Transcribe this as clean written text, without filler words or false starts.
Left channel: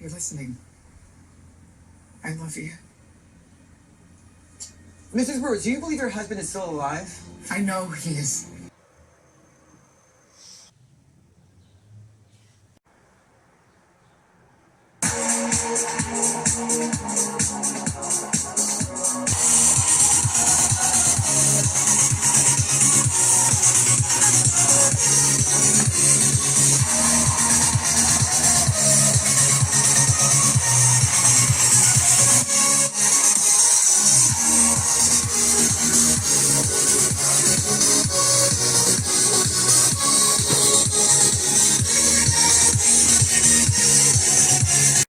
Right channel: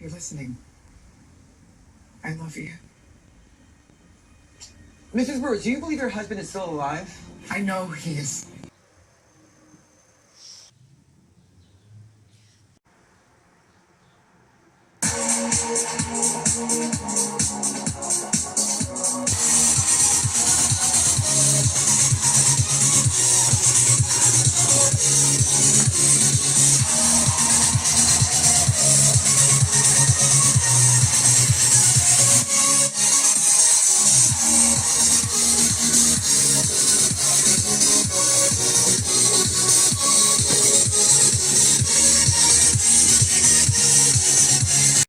You're listening. I love you. Mrs. Brewer, do you believe your husband is still alive? I know he is.